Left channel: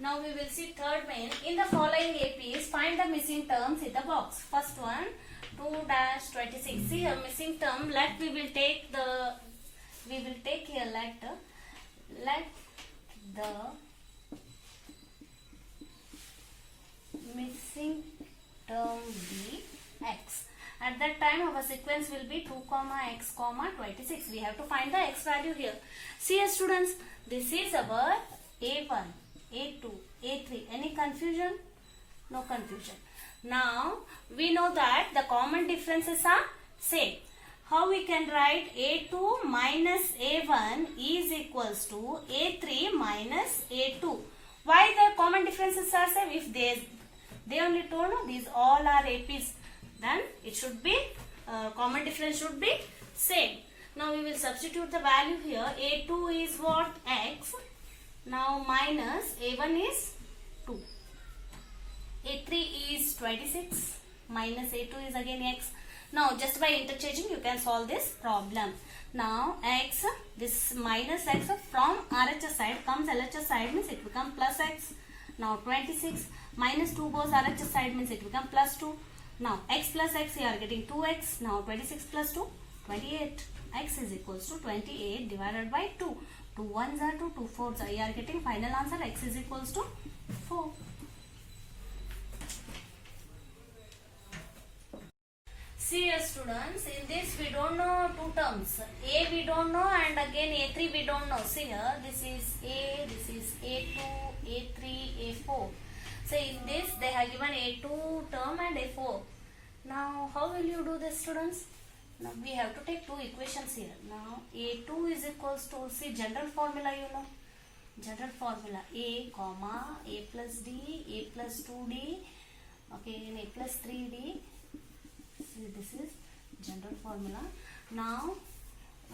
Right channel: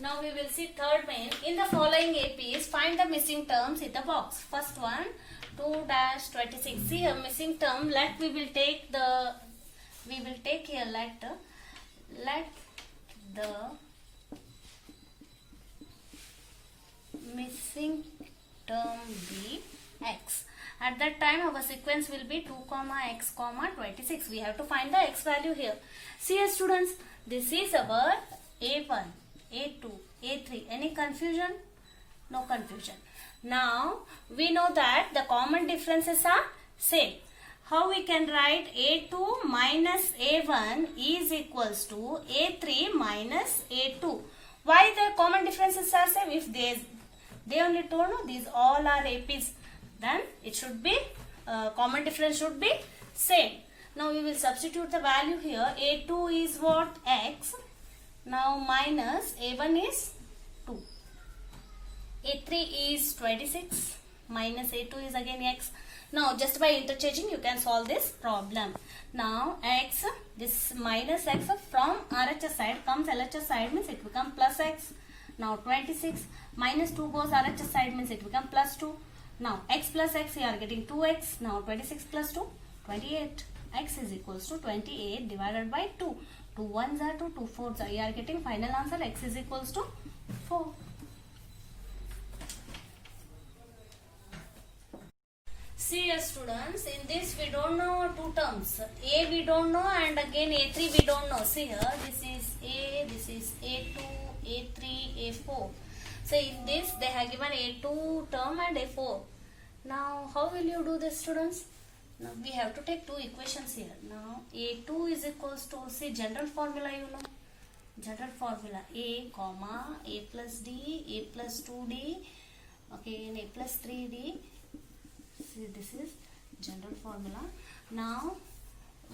Now we will see third main. In the following APs, find the missing terms in the box. First one, 2-26. See here, missing term. We will take here let the missing term be x. At that time, our sequence will be 2, x, 26. We have to find the x value here. See here, students, this is our A1, A2, A3. Any confusion? No confusion. Now, we know that the common differences are same. How we can write A2 minus A1 is equals to A3 minus A2. Why the common differences are same? If they only told no, these all are APs, then it should be common difference should be same. Now we will substitute the value here. A2 is what? X. Now minus A1 is 2. A3 is 26. Minus A2 is again X. Now just by interchanging you can solve this problem. Now X, this minus X from RHS side comes LHS side, means it becomes plus X. Now 26 minus 2 goes RHS side, means it becomes plus 2. Now x plus x, you are getting 2x. Now 26 plus 2, 28. X is equals to 28 divided by 2. 2 1s are 2, 2 4s are. You are getting final answer x is equals to 4. See here students, in this we don't know two terms. A we don't know and again A3 we don't know. See here, this is A, this is A2, A3, A4. So in this they have given A2 term and A4. Now how will you do this, students? Now we have to take two equations here. Now A2 is equals to, see general formula you know. General formula A comma A plus D, A plus 2D, okay, and A plus 3D. See this is general formula. Now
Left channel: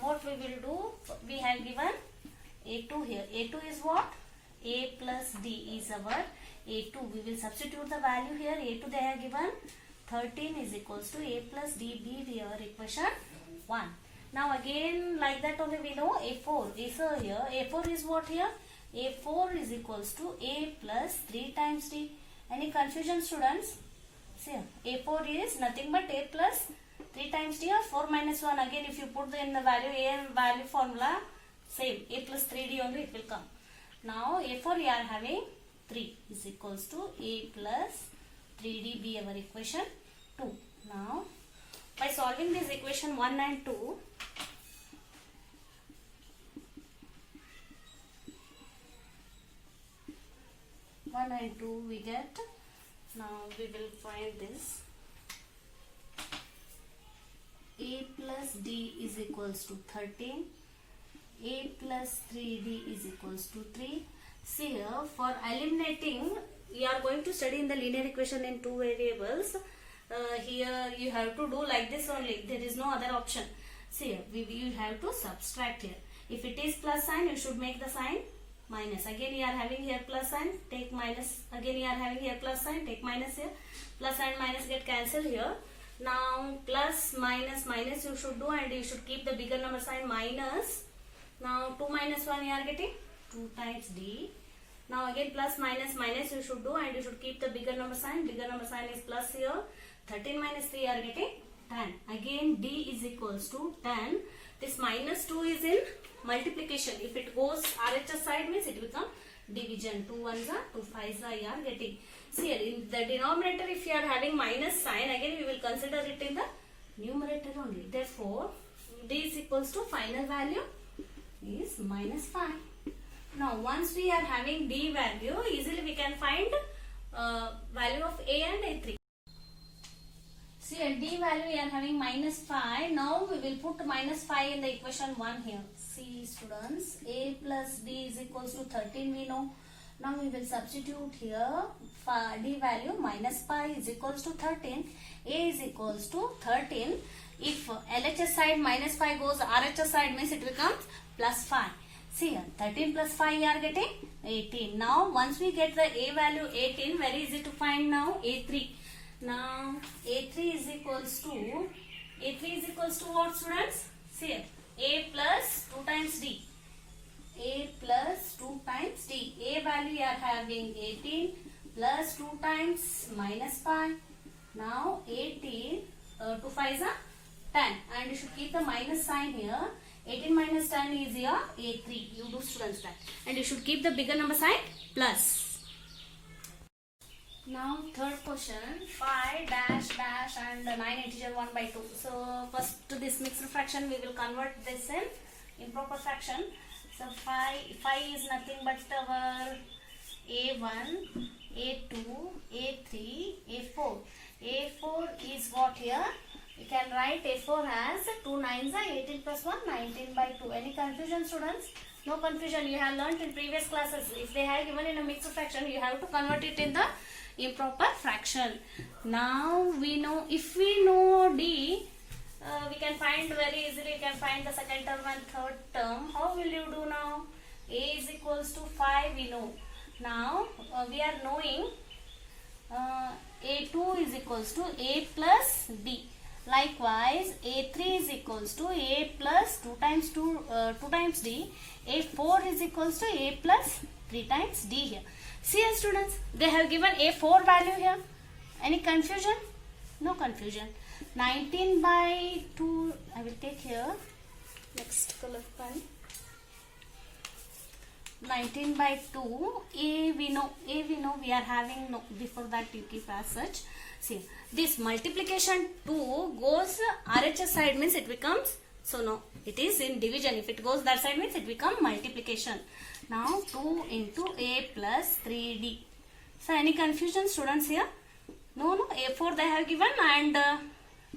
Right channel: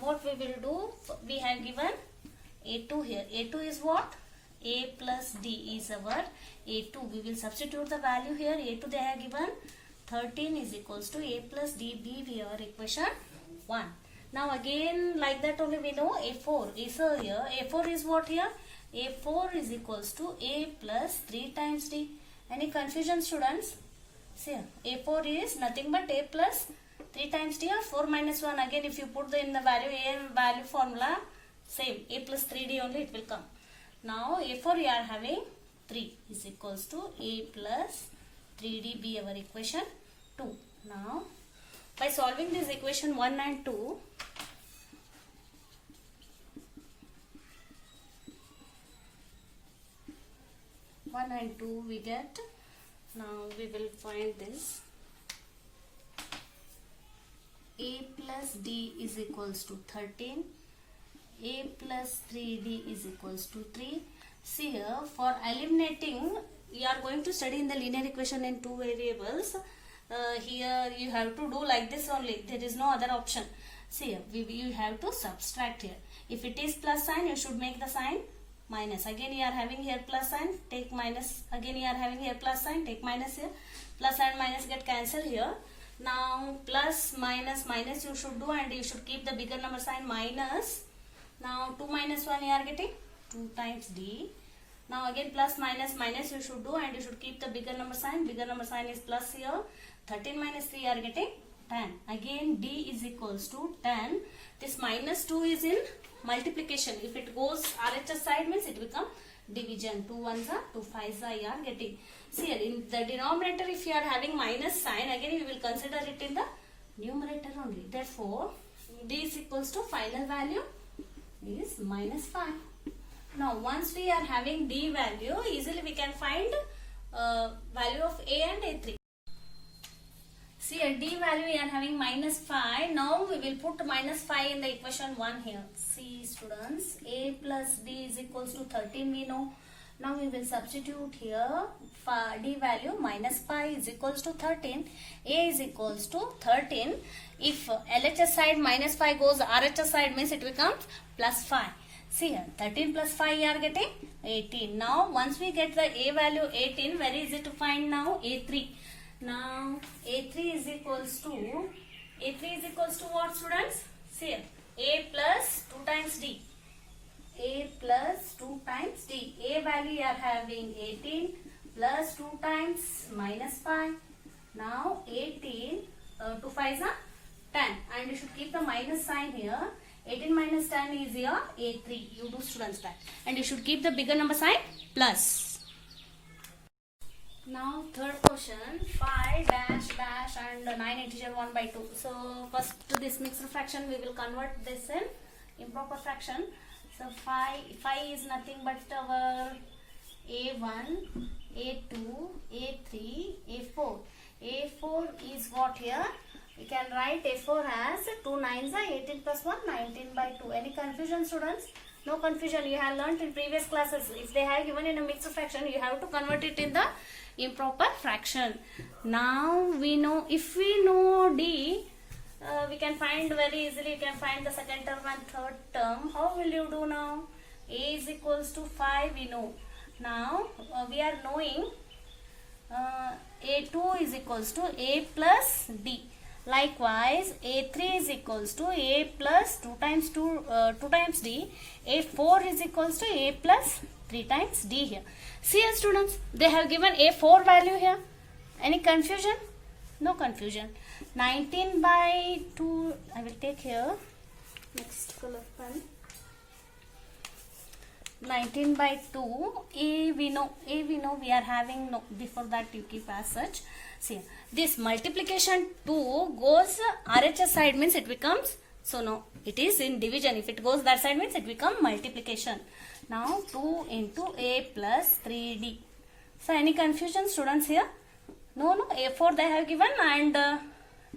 what we will do, we have given A2 here. A2 is what? A plus D is our A2. We will substitute the value here. A2 they have given 13 is equals to A plus D be here equation 1. Now again like that only we know A4 is here. A4 is what here? A4 is equals to A plus 3 times D. Any confusion, students? See A4 is nothing but A plus 3 times D or 4 minus 1. Again if you put in the value A and value formula same A plus 3D only it will come. Now A4 we are having 3 is equals to A plus 3D be our equation 2. Now by solving this equation 1 and 2, we get, now we will find this A plus D is equals to 13, A plus 3D is equals to 3. See here, for eliminating, we are going to study in the linear equation in two variables. Here you have to do like this only. There is no other option. See here, you have to subtract here. If it is plus sign, you should make the sign minus. Again you are having here plus sign, take minus. Again you are having here plus sign, take minus here. Plus and minus get cancelled here. Now plus minus minus you should do and you should keep the bigger number sign minus. Now 2 minus 1 you are getting 2 times D. Now again plus minus minus you should do and you should keep the bigger number sign. Bigger number sign is plus here. 13 minus 3 you are getting 10. Again D is equals to 10. This minus 2 is in multiplication. If it goes RHS side means it becomes division. 2 1s are 2 5s are you are getting. See here in the denominator if you are having minus sign, again we will consider it in the numerator only. Therefore D is equals to final value is minus 5. Now once we are having D value, easily we can find value of A and A3. See a D value we are having minus 5. Now we will put minus 5 in the equation 1 here. See students, A plus D is equals to 13 we know. Now we will substitute here D value minus 5 is equals to 13. A is equals to 13. If LHS side minus 5 goes RHS side means it becomes plus 5. See here 13 plus 5 you are getting 18. Now once we get the A value 18, very easy to find now A3. Now A3 is equals to what, students? See here A plus 2 times D. A plus 2 times D. A value you are having 18 plus 2 times minus 5. Now 18, 2 5s are 10, and you should keep the minus sign here. 18 minus 10 is your A3. You do students that. And you should keep the bigger number sign plus. Now third question, 5 dash dash and 9 integer 1 by 2. So first to this mixed fraction we will convert this in improper fraction. So 5 is nothing but our A1, A2, A3, A4. A4 is what here? We can write A4 as 2 9s are 18 plus 1, 19 by 2. Any confusion, students? No confusion. You have learnt in previous classes. If they have given in a mixed fraction, you have to convert it in the improper fraction. Now we know, if we know D, we can find very easily. You can find the second term and third term. How will you do now? A is equals to 5, we know. Now we are knowing A2 is equals to A plus D. Likewise, A3 is equals to A plus 2 times 2 times D. A4 is equals to A plus 3 times D here. See here, students, they have given A4 value here. Any confusion? No confusion. 19 by 2, I will take here. Next color pen. 19 by 2, A we know, we are having, no, before that you keep as such. See, this multiplication 2 goes RHS side, means it becomes, so no, it is in division. If it goes that side, means it becomes multiplication. Now 2 into A plus 3D. So any confusion, students, here? No, A4 they have given, and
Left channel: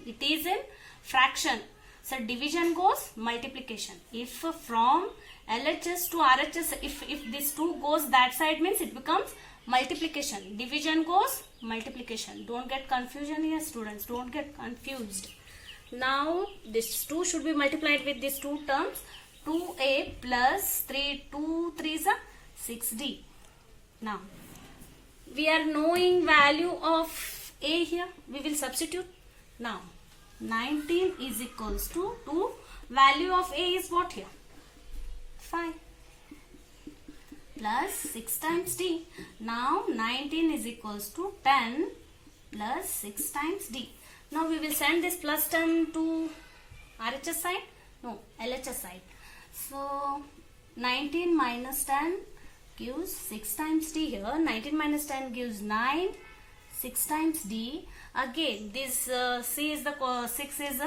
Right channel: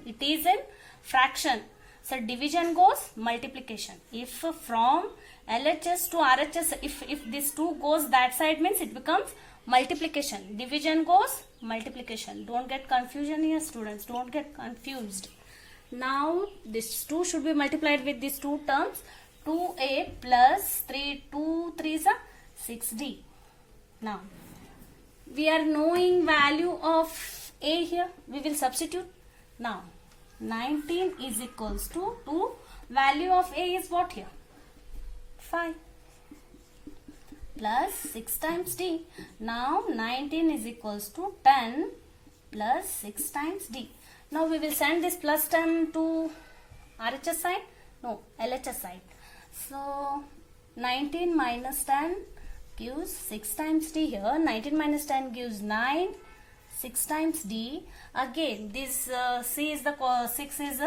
it is in fraction. So division goes multiplication. If from LHS to RHS, if this 2 goes that side, means it becomes multiplication. Division goes multiplication. Don't get confusion here, students. Don't get confused. Now this 2 should be multiplied with these two terms. 2A plus 3, 2 3s are 6D. Now we are knowing value of A here. We will substitute. Now 19 is equals to 2. Value of A is what here? 5 plus 6 times D. Now 19 is equals to 10 plus 6 times D. Now we will send this plus 10 to RHS side? No, LHS side. So 19 minus 10 gives 6 times D here. 19 minus 10 gives 9. 6 times D. Again, this C is the 6 is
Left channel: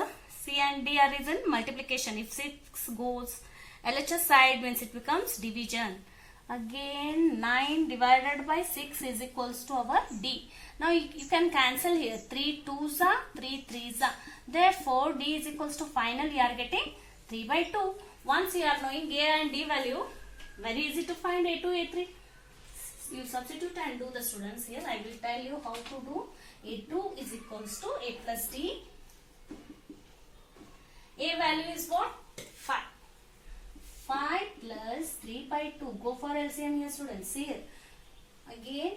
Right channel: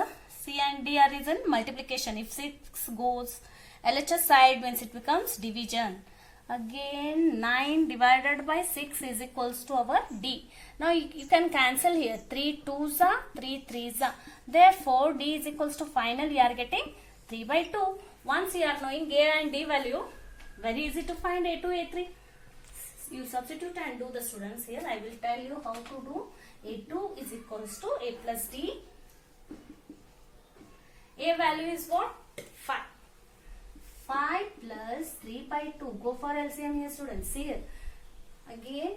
C and D are is in multiplication. If 6 goes LHS side, means it becomes division. Again 9 divided by 6 is equals to our D. Now you can cancel here. 3 2s are 3 3s are. Therefore D is equals to final you are getting 3 by 2. Once you are knowing A and D value, very easy to find A2, A3. You substitute and do the, students. Here I will tell you how to do. A2 is equals to A plus D. A value is what? 5. 5 plus 3 by 2. Go for LCM here, students. Here. Again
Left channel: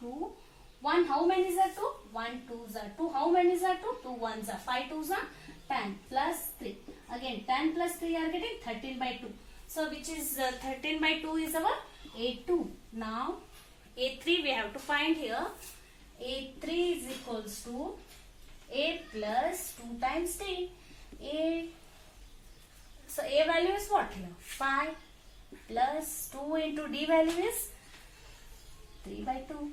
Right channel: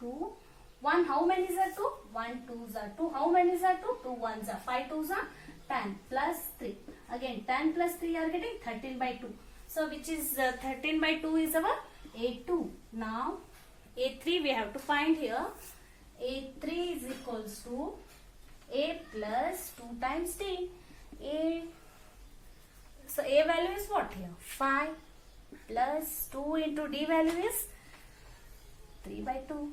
2. 1. How many is that 2? 1 2s are 2. How many is that 2? 2 1s are 5 2s are 10 plus 3. Again 10 plus 3 are getting 13 by 2. So which is 13 by 2 is our A2. Now A3 we have to find here. A3 is equals to A plus 2 times D. So A value is what here? 5 plus 2 into D value is 3 by 2.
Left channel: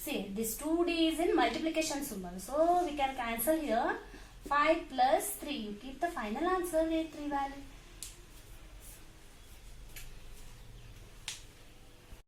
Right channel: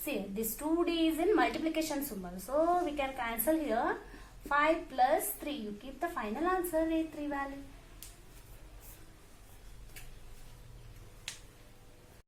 See, this 2D is in multiplication symbol. So we can cancel here. 5 plus 3. You keep the final answer A3 value.